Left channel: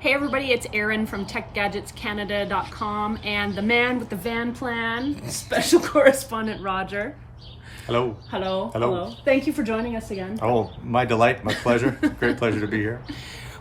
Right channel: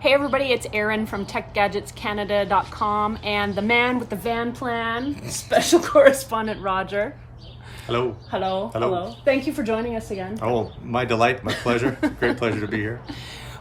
Hey everybody, it's Erin from TechGadgetsCanada.com and the man with the van plan, special correspondent Roger. Hello. Hello. Hello. Hello. Thank you for joining us again. Oh, my delight, my pleasure. Great pleasure to be here.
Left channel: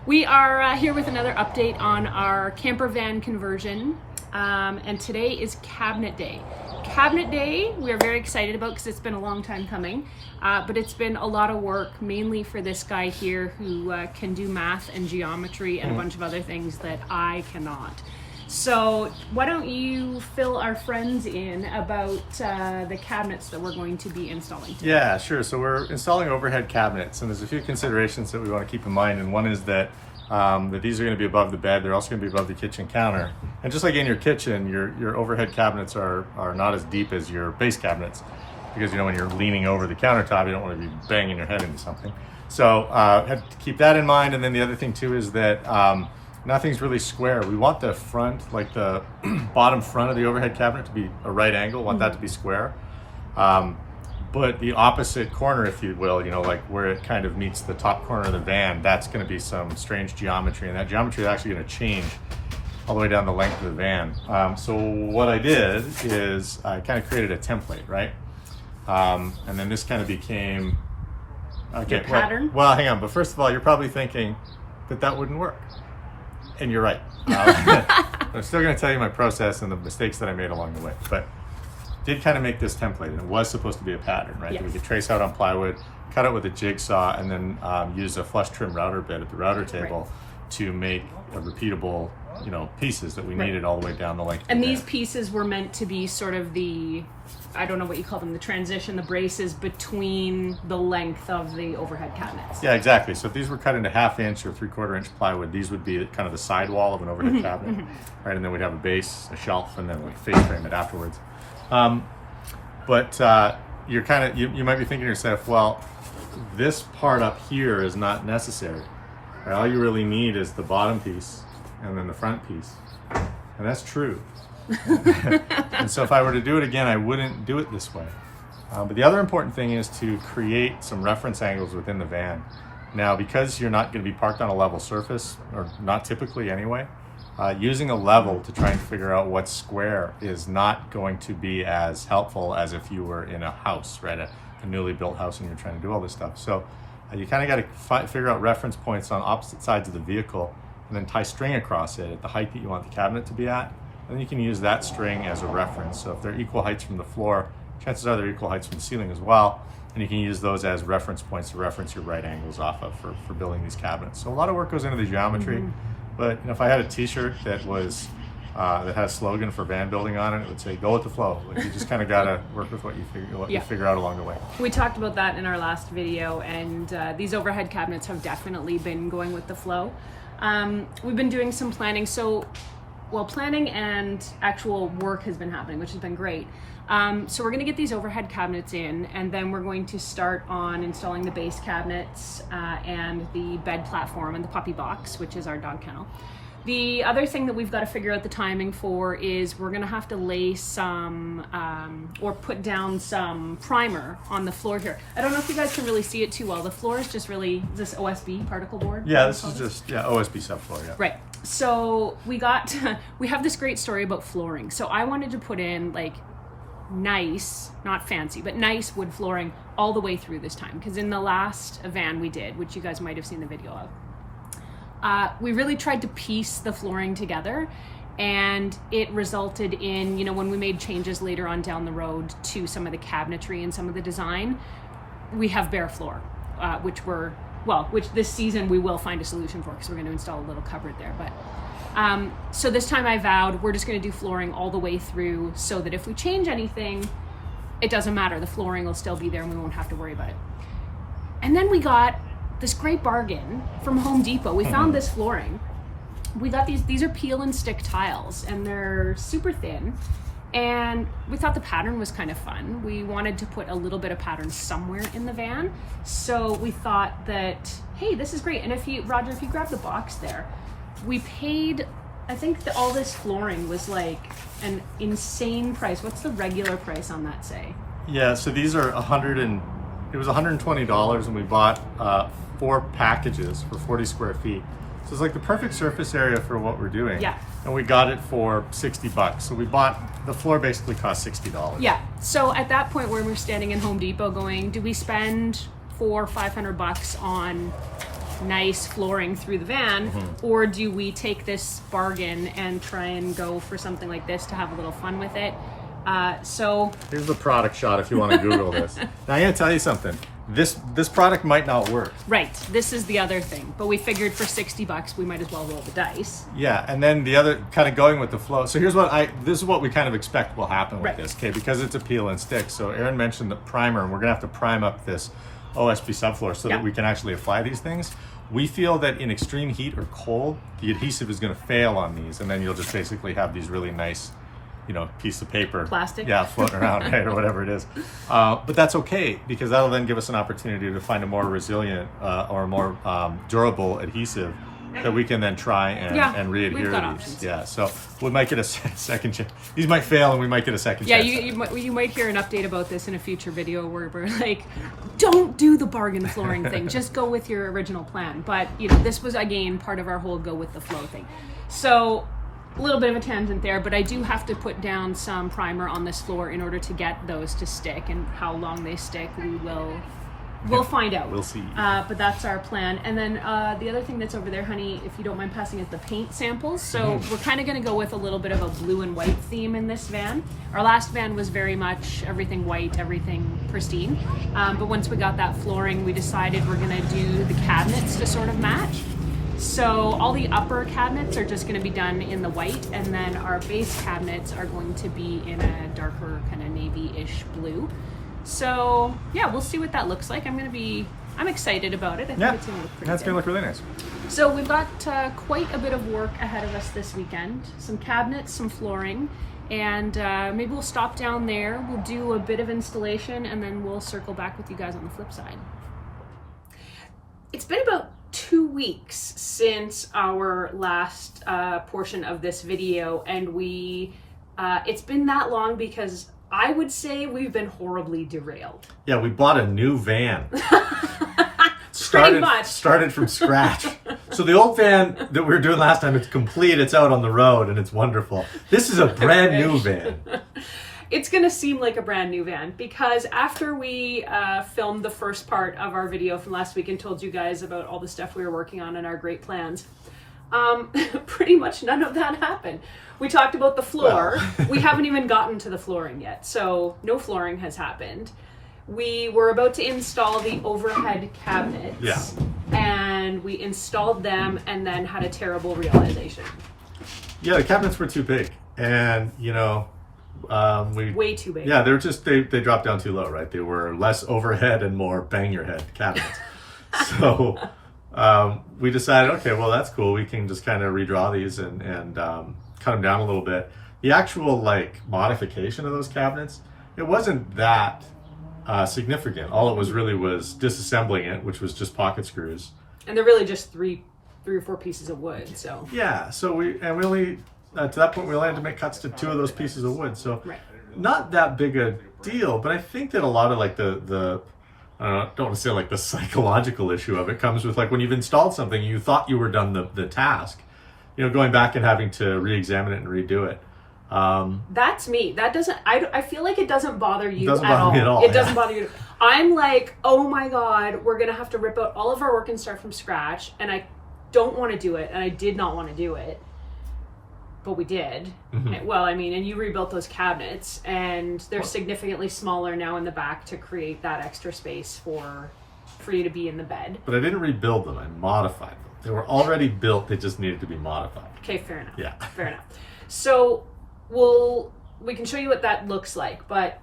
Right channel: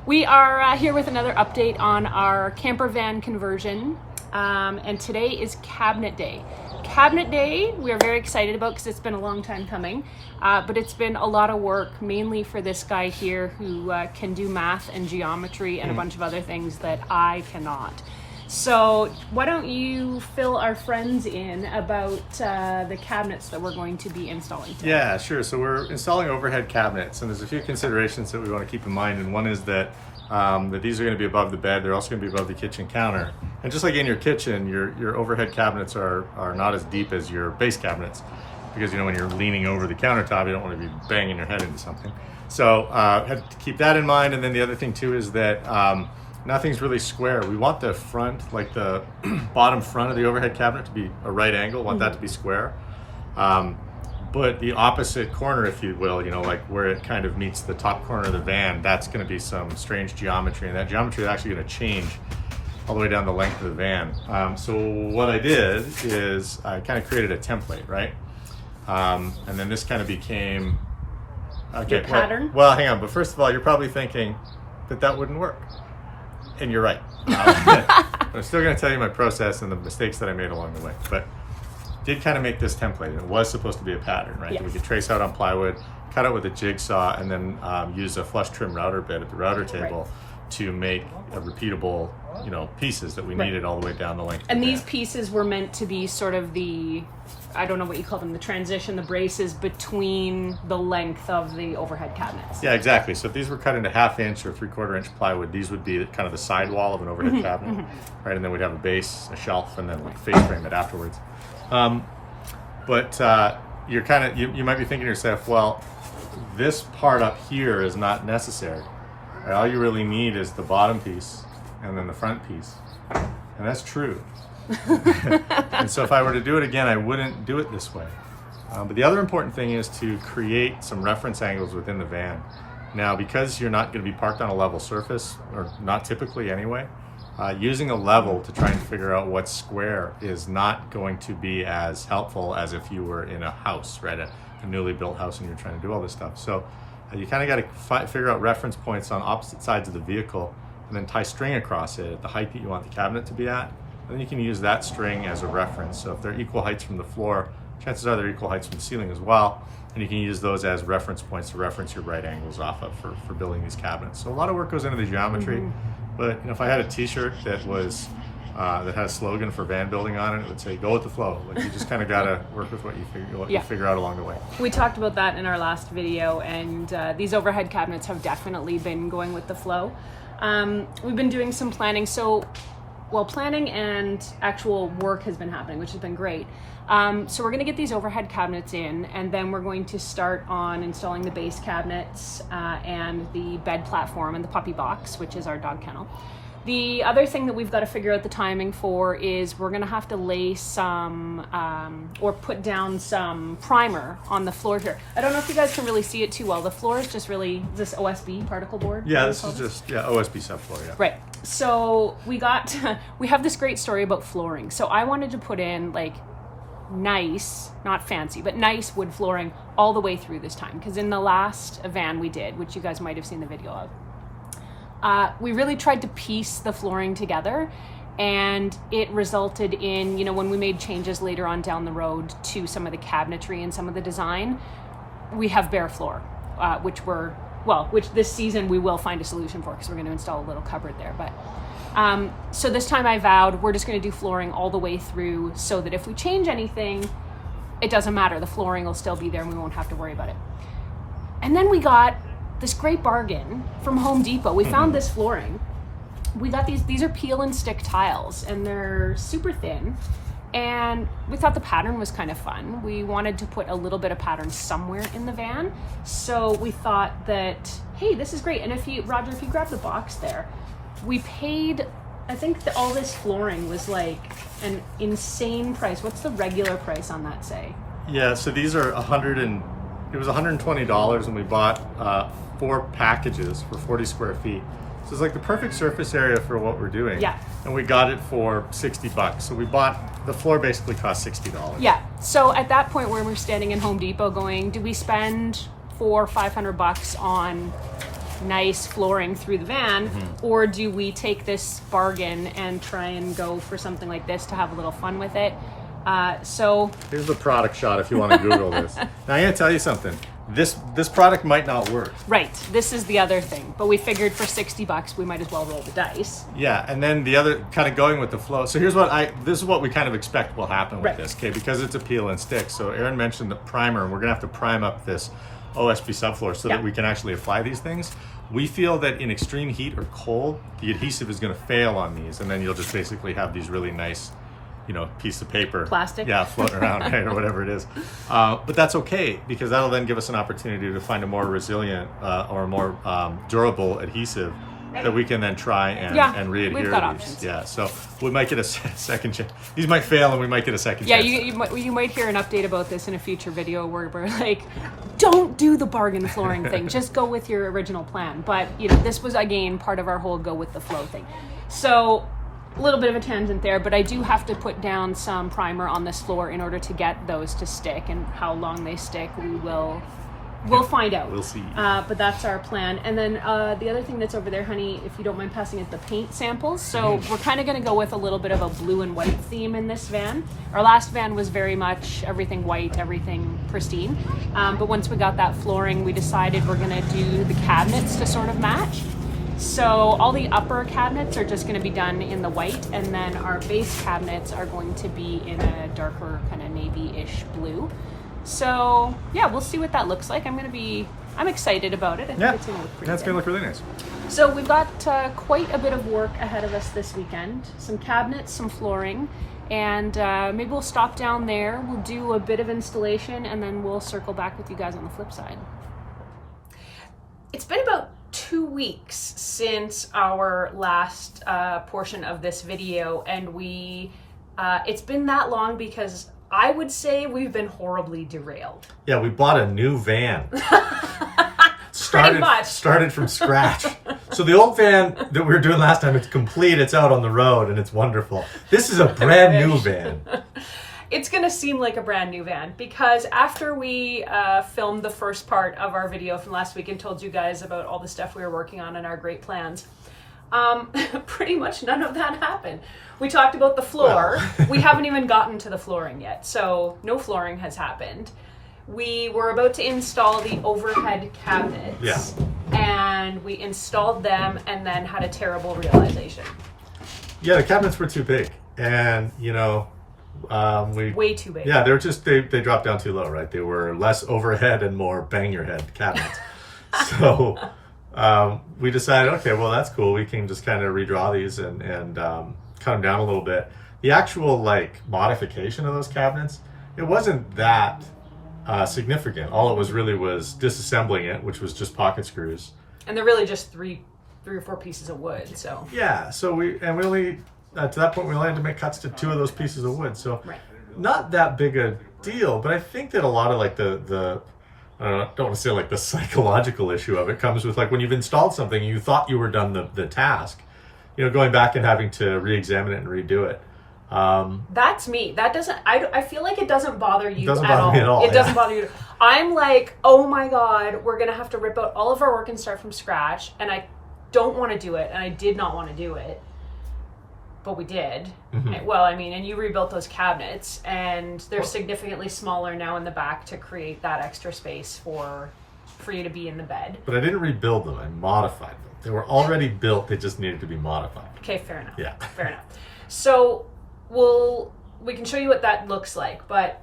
We are here with another update on our camper van conversion, and today is Cabinet Day. Cabinet Day we are very excited about because it's been a long time coming, but it's been a lot of work, mainly for this guy here who can do math and geometry and a bunch of other things that I cannot. So why don't you fill our friends in about the cabinets that we're going to be installing today? Yeah, sure. So we're installing overhead cabinets, and there's a few considerations that we want to keep in mind. And one is that that these are going to be above the bed. They're also going to be above the kitchen counter. And just like in your kitchen, your overhead cabinets are not as deep as your base cabinets, because when you're leaning over the countertop, you don't want to be banging your head into something. So have to keep that in mind. And then the other thing too is that nothing's really square. We want the front, like the bottom front of the overhead cabinet, to be a right angle. Want that to be square. But the opposite corner, if you will, like where it kind of meets the top corner of the van, that's going to be some strange geometry. And that geometry is actually going to change all the way down the length of the van. So what I did is I kind of created a template, right? And then this kind of became... Okay, pattern? Well, hang on. But first of all, you're probably thinking that wouldn't work. And you're right. I'm still going to tell you my process and the mistakes that I made along the way. But did kind of make this template, and it was supposed to be a pattern, right? Yes. That we could trace out on plywood, cut it with a jigsaw, and then use a flush trim router bit at the router table to make a repeatable, pieces that we needed all the way down the length. And of the these van. pieces were meant to be sort of the, I don't know what you call them, the transition, the braces between the length of the overhead cabinets. Yeah, exactly. So if these were cut into 1/2 inch or 3/4 inch plywood, these would be kind of the sidewall of an overhead cabinet, right? And then we'd have a base, a shelf, and then like face frame it afterwards. But you're kind of, you might be thinking to yourself, well, this part up here is not necessary. Right? All you really need is the bottom piece and then the front piece. And that's true. And so if I were to do it again, I wouldn't do it this way. But the other important thing is to create some reference angles within the van. Now, because you're not going to be parked on a level surface, or not typically anyway, using a level to try and figure out what's square is not going to be as helpful as if you were in a house, right? A newly built house, and you're trying to do all this stuff. So you kind of got to figure out reference points on opposite sides of the vehicle, and then tie string across it at the height that you want the cabinet to be at. And then you can use that string as a reference. So if they're equal heights from the floor, chances are they're equal heights from the ceiling as well. And you can use those as reference points to reference your right angles off of for building these cabinets. So a lot of work goes into the geometry. But if I had a T-shirt that was that had a slogan for van building on it, it would say "Go with the flow." Like you just kind of gotta work with what you figure out along the way. We talked about that in our last video, and these overhead cabinets have definitely been going with the flow. We've been doing some planning, planning and actual work has been happening, which has been great. So we're going to get these overhead cabinets in, and then we're going to start on installing the base cabinets and the bed platform and the puppy box, which is our dog kennel. The other thing that we've got to figure out the timing for is we're going to have to lay some or put down some primer on the floor here. I don't know if you guys can really see it too well. The floor is just really this OSB particle board. Yeah, this is just OSB subfloor. Yeah. Right. So we have this great story about flooring. So I wanted to put in like nice, not fancy, but nice wood flooring all the way through this time, because in the last van we did, which you guys might have seen the video of, we really tried to piece the flooring together, and it resulted in, when we made changes later on down the road to some of the cabinetry and some of the design, we have bare floor, which this season we will find a solution for, because we're going to install a little cupboard there. But so this time I vowed we're just going to do flooring all the way through, so that if we change anything, it doesn't matter. The flooring will still be there and we won't have to worry about it. And then we got this great bargain from Home Depot. We found this flooring. We got these are peel and stick tiles, and they're super thin. And we thought the pattern was kind of fun. We wanted to put a little bit of pattern somewhere in the van. So we thought that, hey, this is great. And Roger, if you grab the box there, we paid, I think all this flooring was like an insane price. What's the regular price on that say? Yeah, so these are it was $120, and we bought 4 packages for 40 square feet. So it's like the perfect surface area for what we're doing. Yeah. And we got it for $60. So we bought, the floor basically cost $60. Yeah. So at that point where we're standing in Home Depot going, do we spend $400-500 on nice flooring through the van, or do we take this bargain and try and go for something like this to have a little fun with it? So here's the product shot if you want to Google this. Now I gotta tell you something. This product might not work. right, this is the other thing. But we figured for $60 we might as well roll the dice. Yeah, and then the other kind of going with the flow. So here's what this is what we kind of expect will happen with Right. this, okay? Because it's a peel and stick. So Erin mentioned the primer, and we're gonna have to prime up this OSB subfloor so Yeah. that we can actually apply these things. We feel that in extreme heat or cold, the adhesive is gonna fail on these, and then you'll just basically have these really nice, piece of paper. Plastic? Yeah, floating around, right, or whatever it is. But that's okay, because that'll then give us an opportunity to find a more resilient or more durable adhesive that we can then try and we've re-adhere got these. options. Yeah, so we might get a second chance. These might fail, and we might get a second Yeah, chance. you might hear an update about this in a future video where we're like, don't do the bargain flooring thing. Just go with your original plan. But, this was, again, part of our whole go with the flow thing. So, a little bit of a tangent there, but I do have to put down some primer on this floor in order to get those to stick, and how long they stick, we'll find out. We'll see. But that's our plan. And then the other thing that's over there, honey, if you don't mind passing, is the paint samples. So we're kind of going to go with a little bit of a blue and white theme in this van. Our last van was very much everything white, everything pristine. But once we got that flooring, we decided we're going to do the cabinets to sort of match. So all the upper cabinets are just going to be done in the white, and then our base cabinets are going to be in a darker kind of navy-ish blue. So yeah, we'll see what that looks like. I'm excited about it. I think Yeah, it's going to look pretty that's good. gonna look really nice. So we've got quite a bit of work ahead of us this weekend. Some cabinets, some flooring, and maybe we'll stop down there. We'll do a bit of installation, and then we'll circle back with you guys on the flip side. It's been about 2 weeks since our last portion of this video, and it's been that long because I would say we've been horribly derailed. Yeah, we bought a new van. Pretty much. Started from scratch. So the old van that we were doing last time, it's complete, it's out on the road, and it's wonderful. This is a brand new van. It's gonna seem like a brand new van because after we filmed the first part of our video from last week and told you guys about all the stuff we were working on and our great plans, pretty much none of that happened. We talked about the floor. We haven't even gotten to the flooring yet, so no flooring has happened. We were about to install the overhead cabinets, Yeah. and we installed them and then had a terrible realization. Yeah, the cabinets were too big, and Way too big. Yeah, they dropped down too low, right? They were less overhead and more bang your head cabinets. So we decided, okay, well that's cool. We can just kind of redraw these and cut them down a little bit. The actual modification of those cabinets, it wasn't that significant. All it was really was disassembling it, which was just pocket screws. And they're really just three or four pieces of wood. So Yeah, so we only to that point we only had to make cuts to 2 of those pieces of wood. So right. not that big a deal, but I think that a lot of the I don't want to say the psychological issue of it comes with when you've installed something and you thought you were done the task, going back and having to re-examine it and redo it. That's me. That doesn't. I feel like it doesn't bother you. Doesn't bother me at all. It doesn't bother you. I'm like, oh my god, we're gonna have to rip out all of our work and start from scratch, and I don't want to do it, and I did not want to do it, but we did. Mm-hmm. Well, and you rebuilt those cabinets, and they're significantly smaller now in the back to create that extra space for you to be in the bed. But I didn't rebuild them. I modified them. They were already built. They just needed to be modified. Okay, fair enough. Yeah. Fair enough. So we can show you what that looks like, but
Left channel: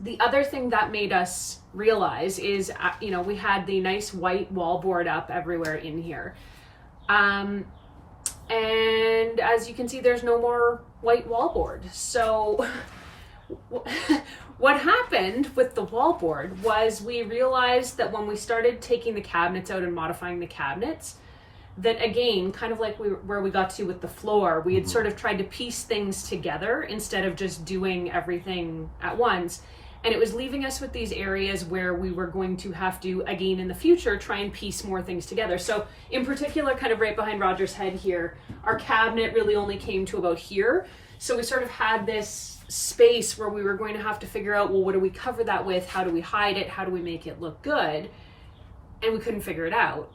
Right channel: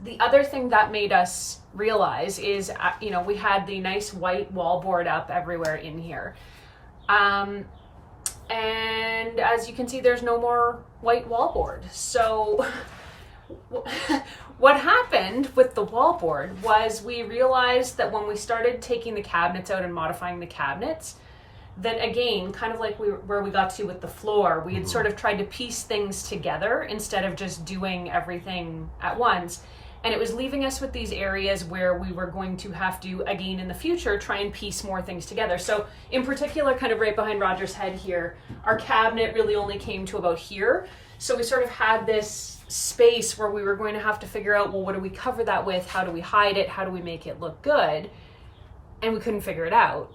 the other thing that made us realize is, we had the nice white wall board up everywhere in here. And as you can see, there's no more white wallboard. So what happened with the wallboard was we realized that when we started taking the cabinets out and modifying the cabinets, that again, kind of like where we got to with the floor, we had sort of tried to piece things together instead of just doing everything at once. And it was leaving us with these areas where we were going to have to, again in the future, try and piece more things together. So in particular, kind of right behind Roger's head here, our cabinet really only came to about here. So we sort of had this space where we were going to have to figure out, well, what do we cover that with? How do we hide it? How do we make it look good? And we couldn't figure it out.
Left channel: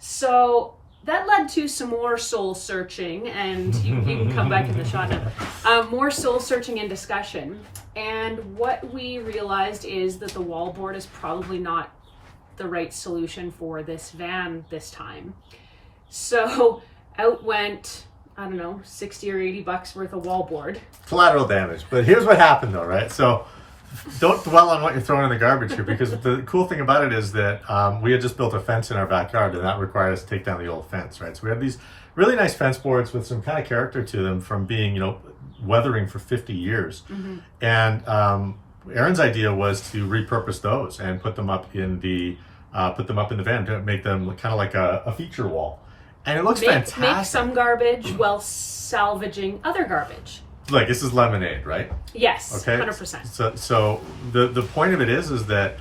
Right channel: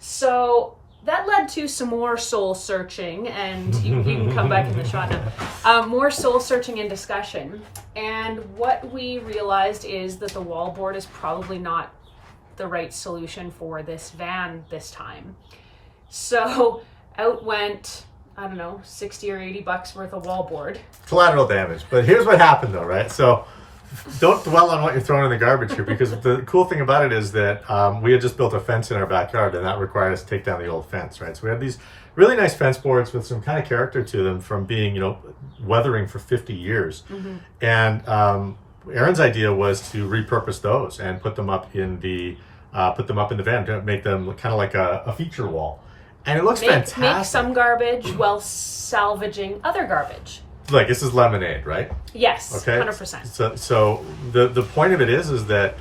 So that led to some more soul searching, and you can come back in the shot now. More soul searching and discussion. And what we realized is that the wallboard is probably not the right solution for this van this time. So out went, I don't know, 60 or 80 bucks worth of wallboard. Collateral damage. But here's what happened though, right? So don't dwell on what you're throwing in the garbage here, because the cool thing about it is that we had just built a fence in our backyard, and that required us to take down the old fence, right? So we had these really nice fence boards with some kind of character to them from being, weathering for 50 years. Mm-hmm. And Erin's idea was to repurpose those and put them up in the van to make them kind of like a feature wall. And it looks fantastic. Make some garbage while salvaging other garbage. Like, this is lemonade, right? Yes, okay. 100%. So the point of it is that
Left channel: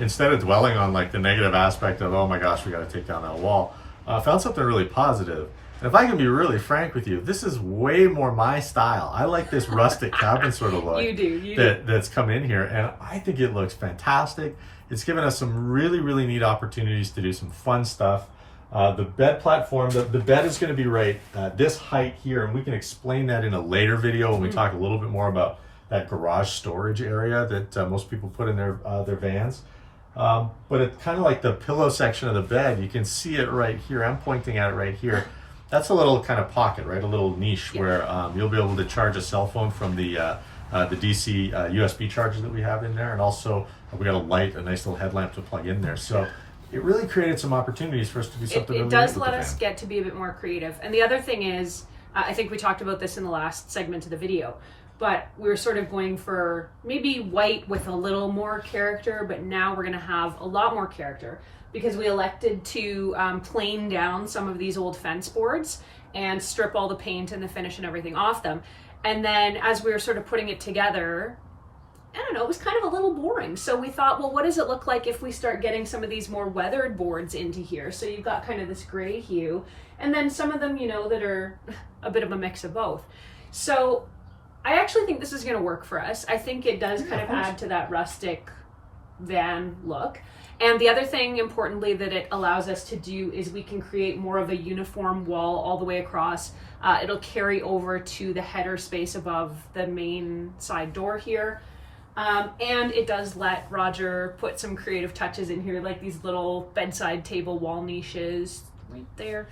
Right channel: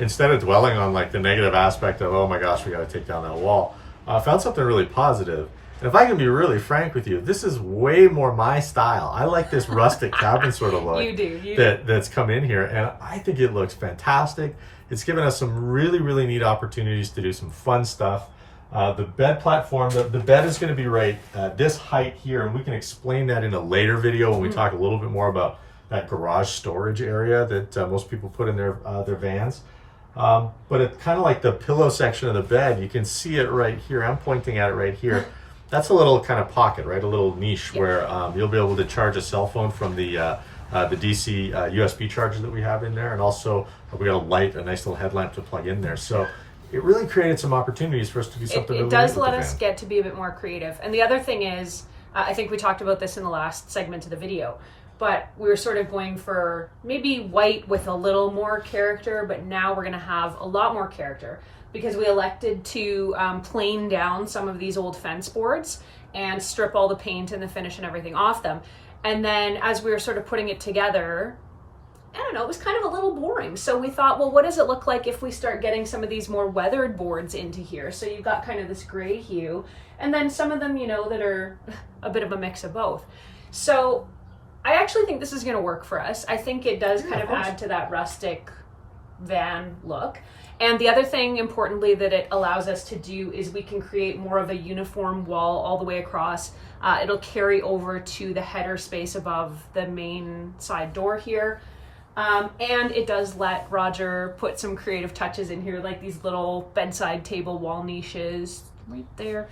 instead of dwelling on like the negative aspect of, oh my gosh, we got to take down that wall, I found something really positive. And if I can be really frank with you, this is way more my style. I like this rustic cabin sort of look. You do. That's come in here, and I think it looks fantastic. It's given us some really, really neat opportunities to do some fun stuff. The bed platform, the bed is going to be right this height here, and we can explain that in a later video when we talk a little bit more about that garage storage area that most people put in their vans. But it's kind of like the pillow section of the bed. You can see it right here. I'm pointing at it right here. That's a little kind of pocket, right? A little niche where you'll be able to charge a cell phone from the DC USB charger that we have in there, and also we got a nice little headlamp to plug in there. So it really created some opportunities for us to do something. It does let us get to be a bit more creative. And the other thing is, I think we talked about this in the last segment of the video, but we were sort of going for maybe white with a little more character, but now we're going to have a lot more character because we elected to plane down some of these old fence boards and strip all the paint and the finish and everything off them. And then as we were sort of putting it together, I don't know, it was kind of a little boring. So we thought, well, what does it look like if we start getting some of these more weathered boards into here? So you've got kind of this gray hue, and then some of them, that are a bit of a mix of both. So I actually think this is going to work for us. I think it does kind of add to that rustic van look. And the other thing, importantly, that it allows us to do is we can create more of a uniform wall all the way across. It'll carry over to the header space above the main side door here. And it does let Roger put some creative touches in here, like these little bedside table wall niches right there.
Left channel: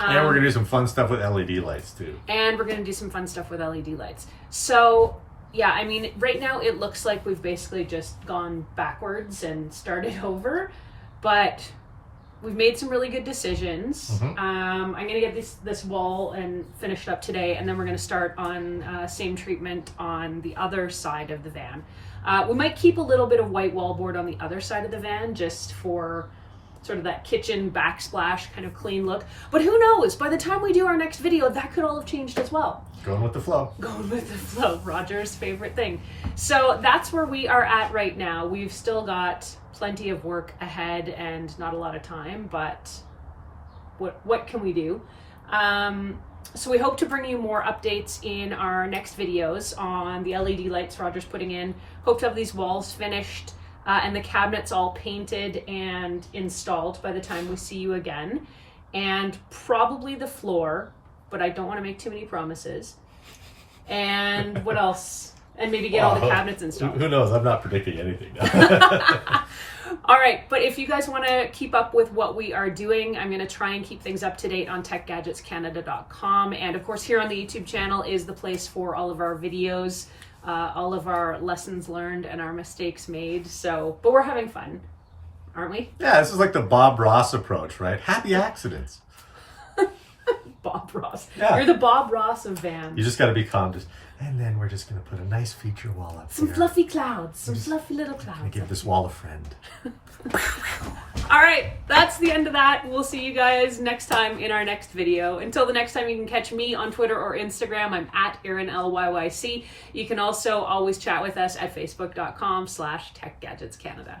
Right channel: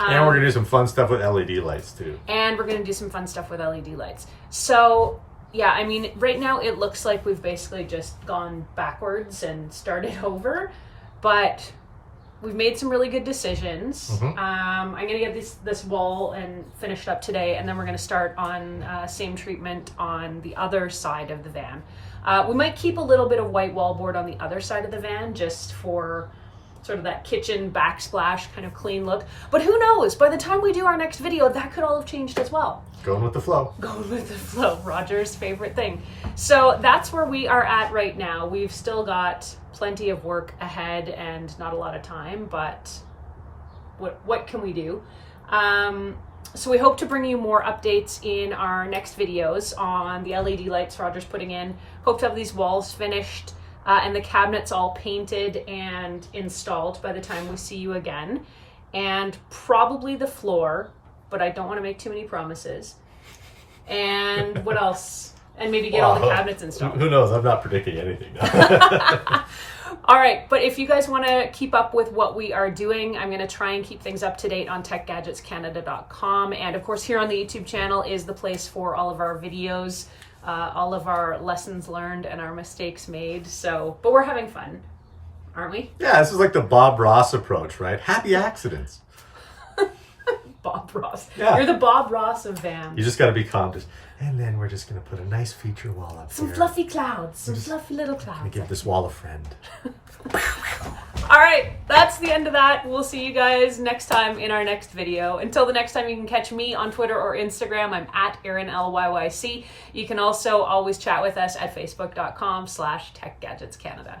And we're going to do some fun stuff with LED lights too. And we're going to do some fun stuff with LED lights. So yeah, I mean, right now it looks like we've basically just gone backwards and started over, but we've made some really good decisions. Mm-hmm. I'm going to get this wall and finished up today, and then we're going to start on same treatment on the other side of the van. We might keep a little bit of white wallboard on the other side of the van just for sort of that kitchen backsplash kind of clean look. But who knows? By the time we do our next video, that could all have changed as well. Going with the flow. Going with the flow, Roger's favorite thing. So that's where we are at right now. We've still got plenty of work ahead and not a lot of time, but what can we do? So we hope to bring you more updates in our next videos on the LED lights Roger's putting in. Hope to have these walls finished and the cabinets all painted and installed by the time we see you again. And probably the floor, but I don't want to make too many promises. And what else? And maybe get all the cabinets installed. Who knows? I'm not predicting anything. All right, but if you guys want to keep up with what we are doing, I'm going to try and keep things up to date on techgadgetscanada.com. And of course, here on the YouTube channel is the place for all of our videos, all of our lessons learned and our mistakes made. So, but we're having fun, aren't we? Yeah, this is like the Bob Ross approach, right? Happy accidents. Bob Ross. Yeah. You're the Bob Ross of vans. You just got to be calm. And then we're just going to put a nice feature wall up Some here. fluffy clouds, some fluffy little Gonna clouds. give this wall a friend. All right, that's the end of that. We'll see you guys next time in our next video. Until the next time, you can catch me on Twitter or Instagram. I'm at Erin LYYC. You can also always chat with us at facebook.com/techgadgetscanada.